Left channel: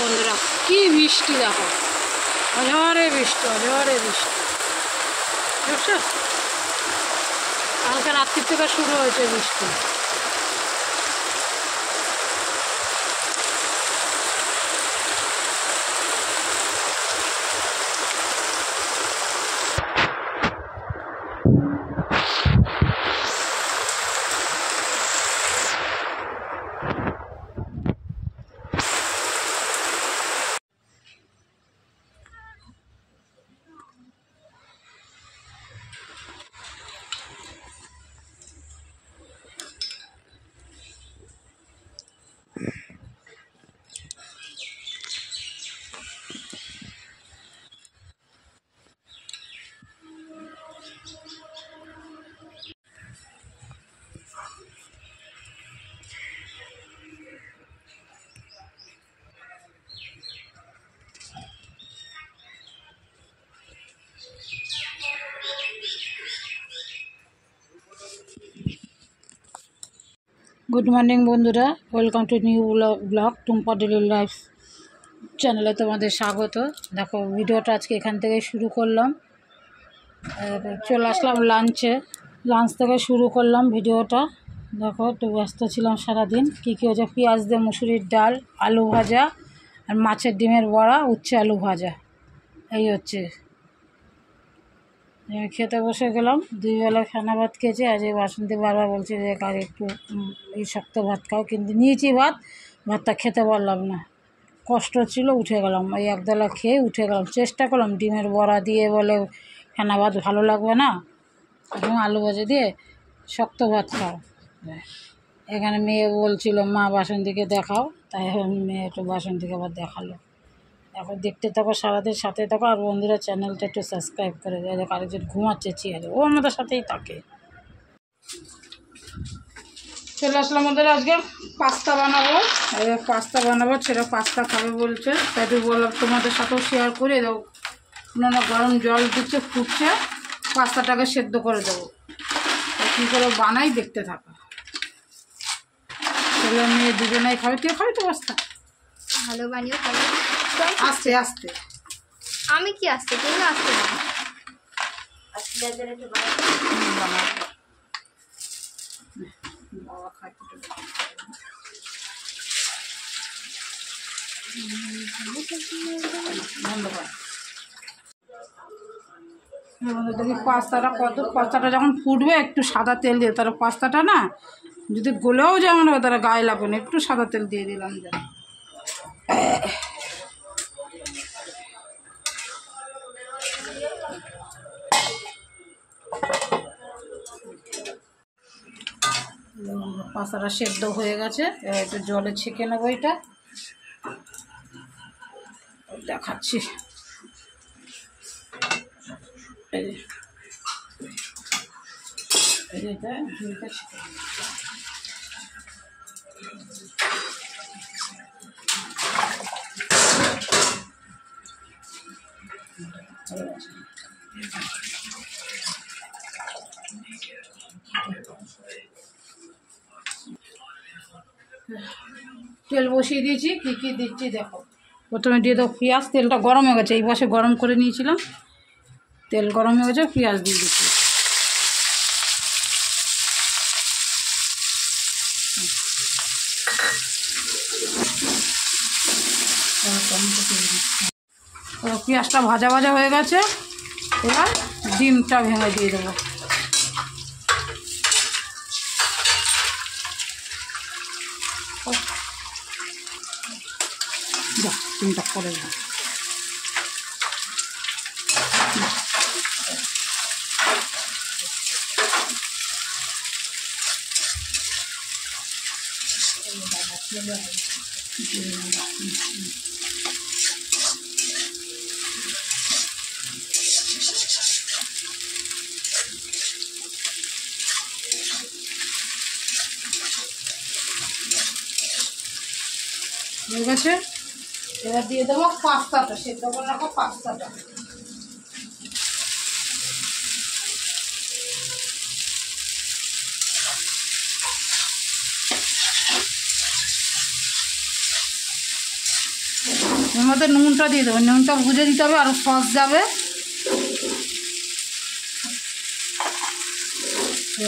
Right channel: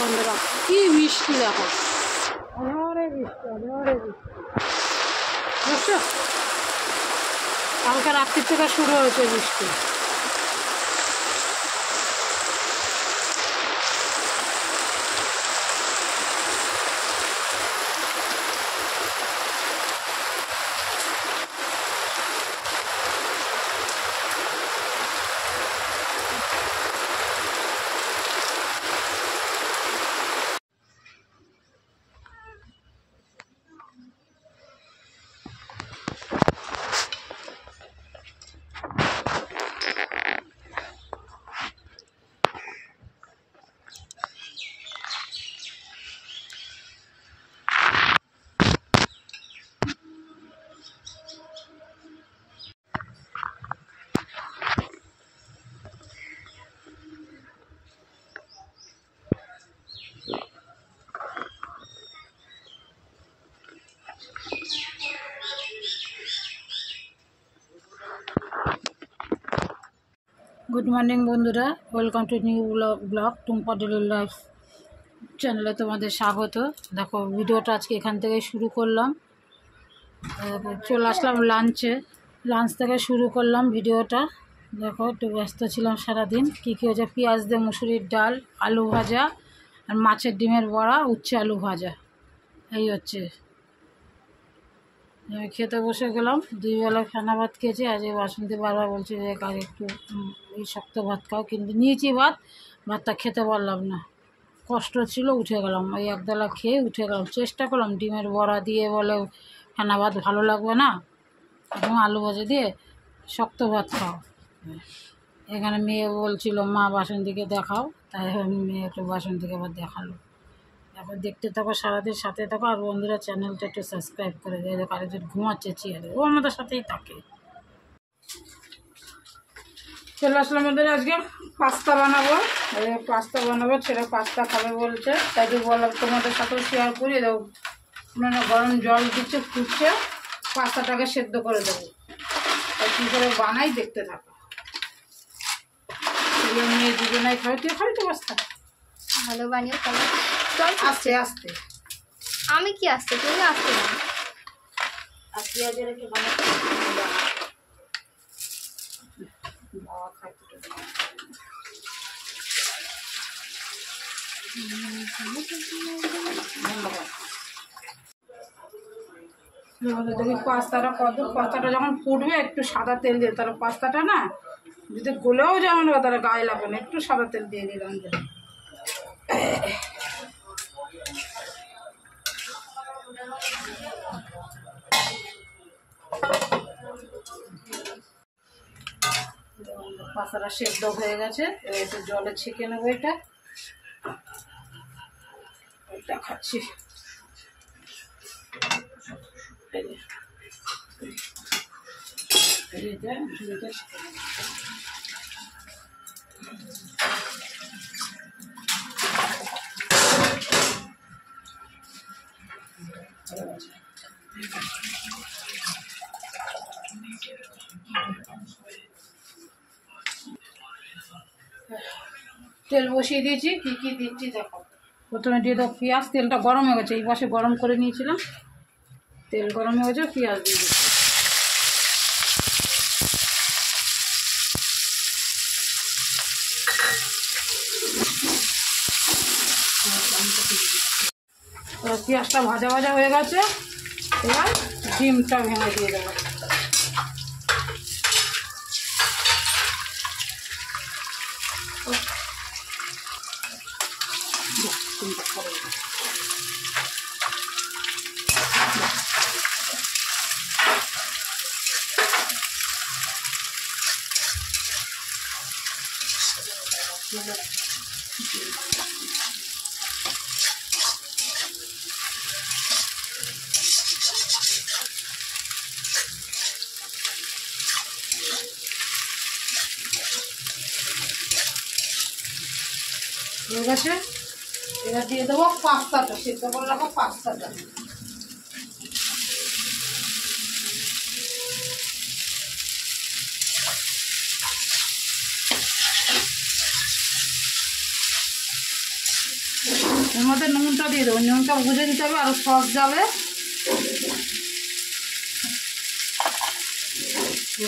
বন্ধুরা কি বৃষ্টি দেখো, অঝরে বৃষ্টি, অঝরে বৃষ্টি। বুঝছো, কালকে রাত্রির থেকে শুরু হয়েছে বৃষ্টি। গুড মর্নিং বন্ধুরা, welcome to new blog Tumpa daily life চ্যানেলে তোমাদের স্বাগত। দেখো ভিডিওটা আজকে এখান থেকে শুরু করলাম। চলে আসলাম লাঞ্চ থেকে শুরু করলাম ভিডিওটা। দেখো একটু ব্যস্ত ছিলাম সারাদিন। কী কী হয়েছে, পেঁয়াজ দিয়ে মুসুরির ডাল, আলু ভাজা আর মাছের ডিমের বড়া, উচ্ছে আলু ভাজা, এই হচ্ছে। আমি খেতে বসে গেলাম, 2 বেলা খানা ভাত খেয়েছি। আজ এই বাসন্তী বারবার বলছি যে কাজ একটু এই শক্ত ভাত খাও, কিন্তু নিয়েছি ভাতটা খেতে পারলাম না, কষ্ট ছিল, উঠে গেলাম। ওই একবেলা খেয়ে উঠে গেলাম। চেষ্টা করলাম ডিমের বড়া দিয়ে, বলে খানা ভাত ভালো লাগবে না, এবং আলু ভাজা দিয়ে শক্ত ভাত খাও। এখানে মেয়ে বলছিল মা বাসন্তীকে দেখাও, তাই আমি মেয়ে একটু বাসন্তীকে আবার দেখালো। এখন দেখতে থাকো, সারাদিন সাথে থাকো। আর বন্ধুরা চ্যানেলটা একটু সাবস্ক্রাইব করে দেয়। দেখো আরেকজন ঘুমাচ্ছে চেয়ারে, ও আমাদের সাথেই থাকে। চলে আসলাম আমাদের আজকে পাস্তা বানাবো। ছেলে পাস্তা খাবে বলছে, তাই তো বললাম তোমাদের সাথেও শেয়ার করে দেবো। না গরম জল দিচ্ছে, ফুটছে, পাস্তাটাকে সেদ্ধ করে দেবো। তাই কী করে বানাই দেখতে থাকো। মেয়ে দুজনাই খাবে। তুই খাবি তো পাস্তা? ভালো বানিও খাবে। আস্তে আস্তে। আমি কি আসতে, তুমি আসতে না। আর পেঁয়াজের একটু বাবা খাই দেখি পাস্তাটা যখন ফুটবে একটু সাদা তেল দিয়ে, তার পাস্তাটা না যদি গলেও যেমন হয় তারা গায়ে লাগবে না, একটু সাদা তেল দিয়ে দিলাম। পাস্তাটা সেদ্ধ হয়ে গেছে, এবার একটু জলে ছেঁকে নেবো। এটা দেখাচ্ছি। তেল বসিয়ে দিয়েছি, কী কী দিচ্ছি দেখো। প্রথমে দিয়ে দেবো পেঁয়াজ। তেলটা গরম হয়ে গেছে, এই পাশে গরম করে নিয়েছিলাম, তেল গরম হয়ে গেছে, পেঁয়াজ দিয়ে দিচ্ছি। পেঁয়াজটা ভাজা ভাজা হয়ে গেছে, এবার ডিমটা ভেঙে দিয়ে দেবো। ডিমটা করে দেবো। হয়ে গেছে, এবার দিয়ে দেবো পাস্তাটা, সেদ্ধ করে রাখো পাস্তাটা। মধ্যে নুনটা দিয়ে দেবো, নুনটা বুঝে দিতে হবে, আর সস যাবে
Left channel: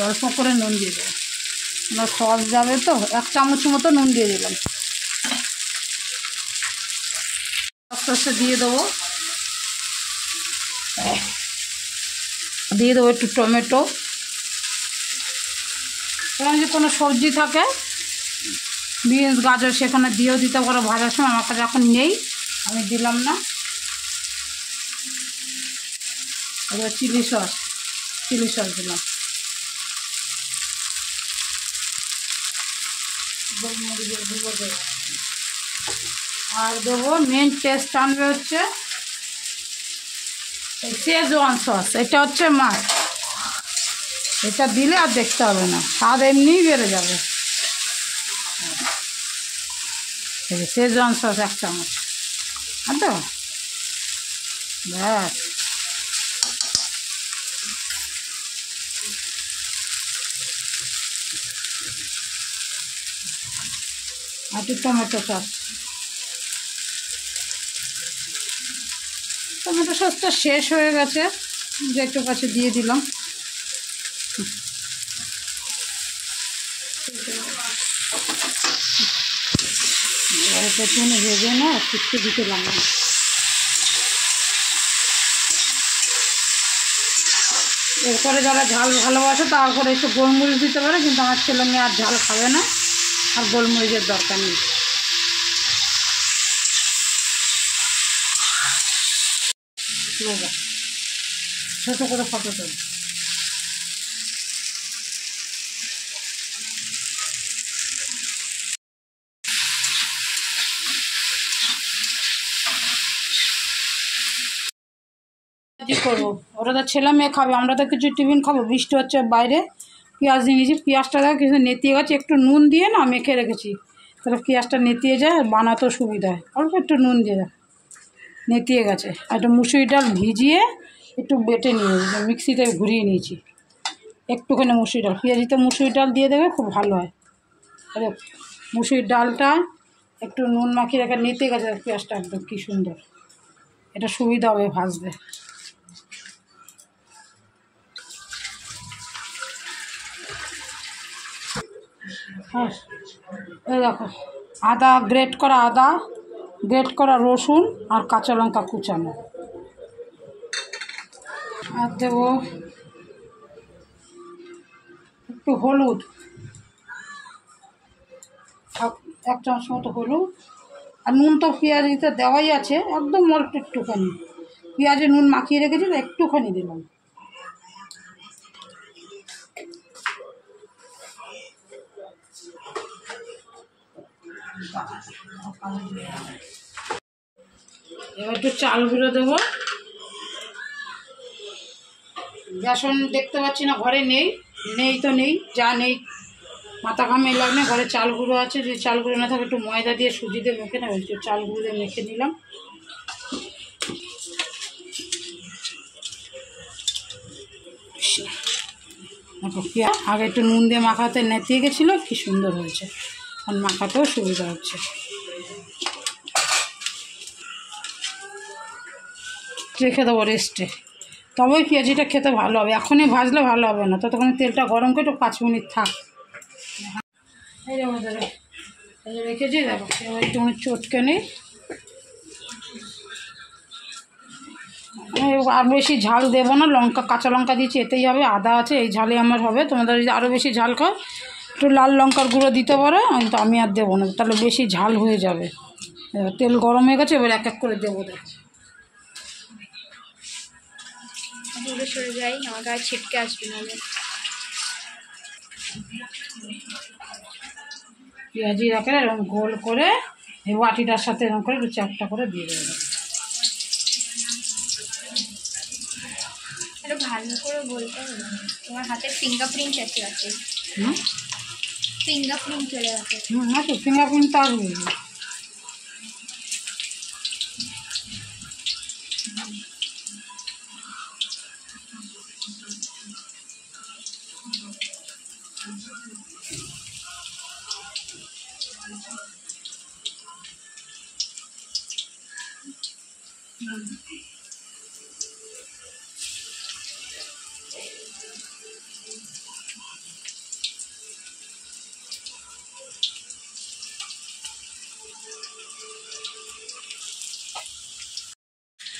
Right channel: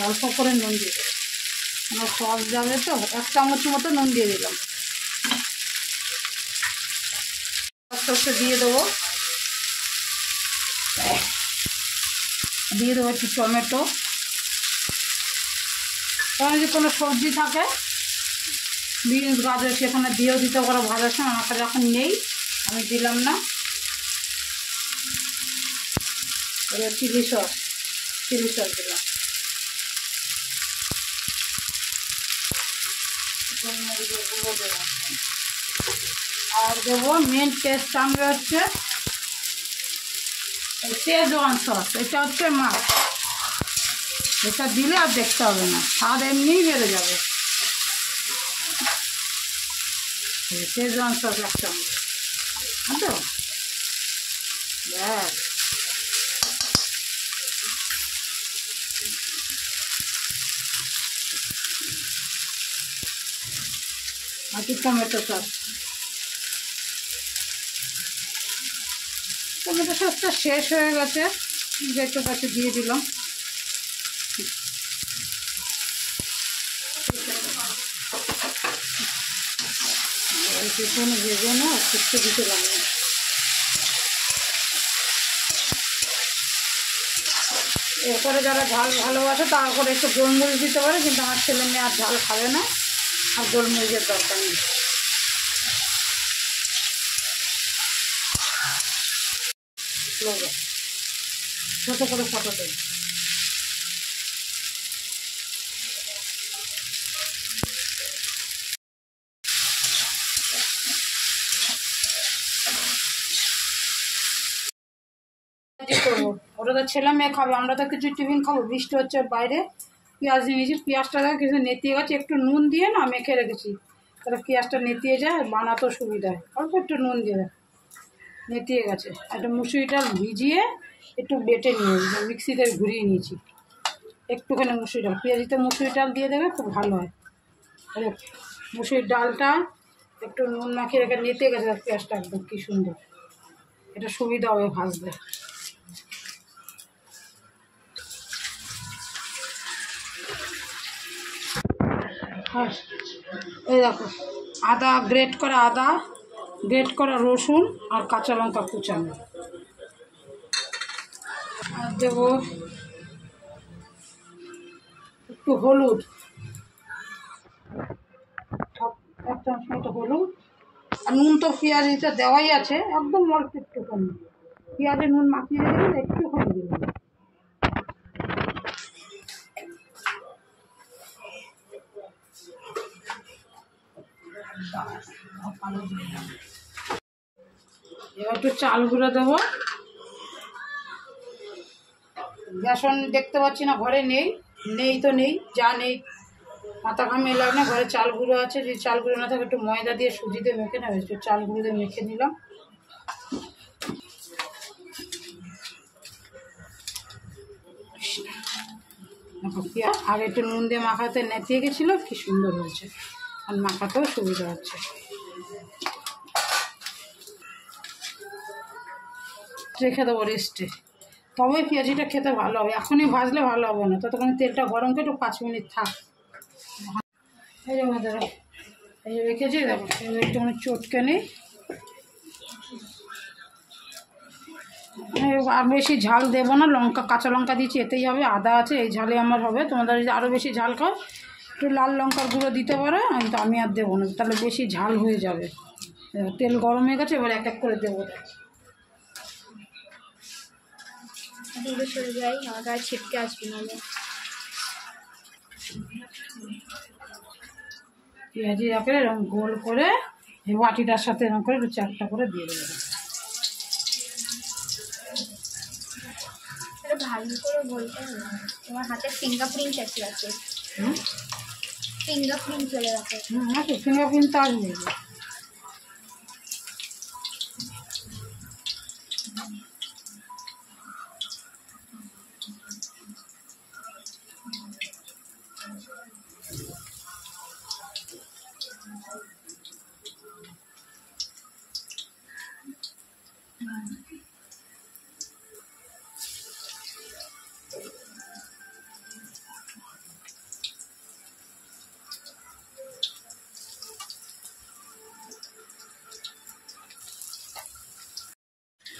অল্প করে নুন দিয়ে দেবো, মানে সস যাবে তো 1 চামচ মতো নুন দিয়ে দিলাম। আস্তে আস্তে দিয়ে দেবো একটু টমেটো, এখানে যদি কোনো সবজি থাকে বিনস গাজর সেখানে দিয়েও দিতে পারো ভাজার সময়, আমার কাছে এখন নেই আমি দিলাম না। এবার চিলি সস দিলাম, আর দেবো মেন টেস্ট আনবে হচ্ছে শেজওয়ান সস, এটা হচ্ছে মাছ, এটা দিলে আর দেখতে হবে না, স্বাদ এমনিই বেড়ে যাবে। শেজওয়ান সস 1 চামচ, তো ব্যাস। আর টমেটো সসটা শেষ হয়ে গেছে, যে একটু কাছে দিয়ে দিলাম। প্রথমে ভেজে না শুকতে দিতে লাগবে, এরপরে যারা ঝাল ভালোবাসে তারপরে একটু গোলমরিচ দিতে পারে, কিন্তু আমার ছেলে মেয়ে আর ঝাল খাবে না, আর গোলমরিচের দরকার নেই। ছোটো করে ফটো তুলি, করবো ওরা তো ছেলে মেয়ে খাবে, আমরা তো কিছু টিফিন খাবো। বৃষ্টি হচ্ছে বাইরে, পেঁয়াজ দিয়ে নিয়েছি, পেঁয়াজটা কিছু নেতিয়ে গেছে, একটু নুন দিয়ে না মেখে রেখেছি, তাহলে পেঁয়াজটা নেতিয়ে যায় আর বানাতেও সুবিধা হয়। অল্প একটু নুন দিয়ে নেতিয়ে গেছে, আর একটু মুসুরি ডাল ভিজিয়ে একটু বেটে নিয়েছি, মিক্সিতে ঘুরিয়ে নিয়েছি, একটুখানি মুসুরি ডাল, পেঁয়াজিতে মুসুরি ডাল দিয়ে দেবে, খুব ভালো হয়। আরে মুসুরির ডালটা একটু নুন মাখিয়ে রেখে নেতিয়ে গেছে পেঁয়াজটা, একদম কী সুন্দর, এটা সুবিধা হবে ভাজতে। হ্যাঁ এই দেখো, গ্রেট করা আদা, গ্রেট করা রসুন, আর কাঁচা লঙ্কা কুচানো, আর দেবো একটু হলুদ, 1 চামচ মতো হলুদ, আর নুন তো পেঁয়াজিতে দেওয়াই আছে, একদম অল্প একটুখানি, পেঁয়াজে নুন মাখিয়ে রেখেছিল একটুখানি দিলাম। এবার একটু চাল গুঁড়ো দেবো, বেসন দেখতে পাচ্ছি না, ঘরে নেই তো নেই, যা নেই মাথা ঘামে লাগে না, ঘরে চাল গুঁড়ো আছে, যদি চাল গুঁড়ো না থাকে একটু ময়দা দিয়ে সুজি দিয়ে মেখে না, একটু চাল গুঁড়ো দিয়ে মেখে নিলাম। আগে একটু নুন দিয়ে মাখাতে নেতিয়ে গেছিলো, কি সুন্দর হয়েছে, আর মাখাতেও সুবিধা হচ্ছে। রেখে দেবো রেস্টে, তবেই পেঁয়াজিটা খেতে ভালো হবে, এখনই ভাজলে ভালো হবে না, ততক্ষণ তেলটা গরম করে একটু 5 মিনিট থাক। এই যে আমাদের এই যে রেখেছি, দেখো একটু চটকে নিই, আর বেশি ঝাল দেবো না, কাঁচা লঙ্কা দিয়েছি এতেই হবে, আদা আছে, এই ঝালে আমার হবে। তোমাদের যদি আরও বেশি ঝাল খাও একটু লাল লঙ্কার গুঁড়ো দিতে পারো, কিন্তু আমি আর দেবো না, তাহলে বেশি ঝাল হয়ে যাবে। এবার তেল গরম হয়ে গেছে, এবার 1 করে দেবো। দূরে সরে যাই, আমার গায়ে ছিটকে আসবে নাহলে। পেঁয়াজি রাখে এরকম গোল করে এই বাটিটার সাথে এরকম করে 4টা করে দিয়ে দেবো। এটা ভালো করে বলতে হবে, তোমার হাতে ফিঙ্গারপ্রিন্ট আছে, ফিঙ্গারপ্রিন্ট চলে গেছে। আচ্ছা, ফিঙ্গারপ্রিন্ট তো আসবে।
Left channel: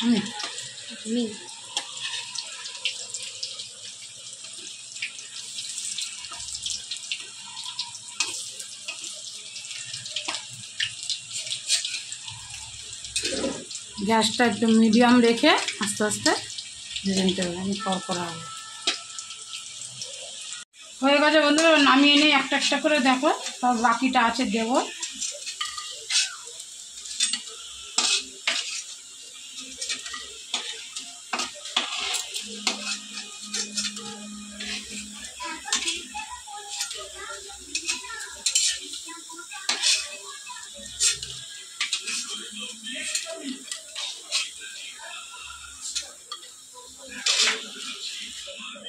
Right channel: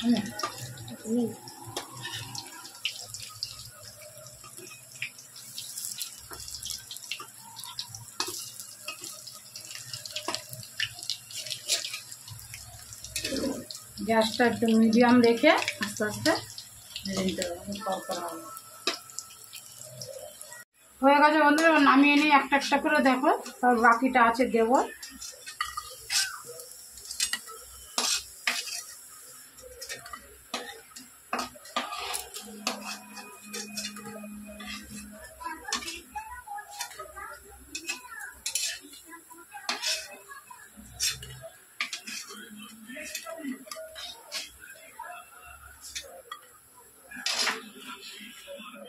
আমি তুমি গ্যাসটা একটু মিডিয়াম রেখে আস্তে আস্তে ভেজে নিতে হবে, আমি করা হবে। হয়ে গেছে বন্ধুরা, নামিয়ে নিয়ে একটা একটা করে দেখো, তার বাকিটা আছে দেবো।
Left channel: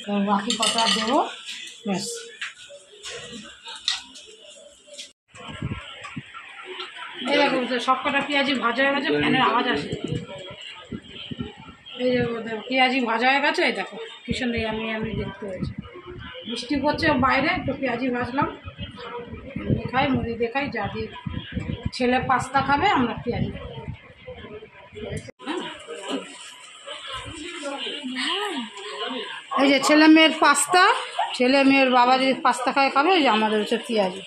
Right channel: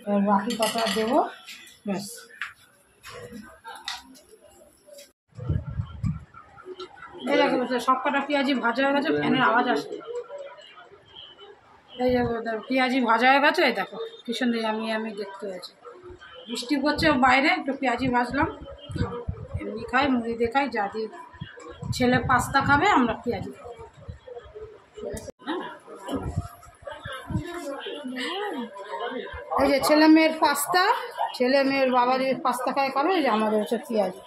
এবার বাকি কটা দেবো, ব্যাস। এই দেখো সব কটা পেঁয়াজি ভাজা হয়ে গেছে, ফ্যানের আওয়াজ আসে। এই যে পেঁয়াজি ভাজা হয়ে গেছে, এই দেখো কি সুন্দর আমি দেখতে হয়েছে। বৃষ্টি পড়ছে বাইরে, একটু পেঁয়াজি ভাজলাম, এমনি খাই, মুড়ি দিয়ে খাই, যা দিয়ে। ছেলে পাস্তা খাবে, আমরা পেঁয়াজি খাবো। এই যে ছেলে মেয়ের পাস্তা, ছেলে মেয়ের বাবা যদি পাস্তা খায় খাবে, এই যে আমাদের হচ্ছে পেঁয়াজি।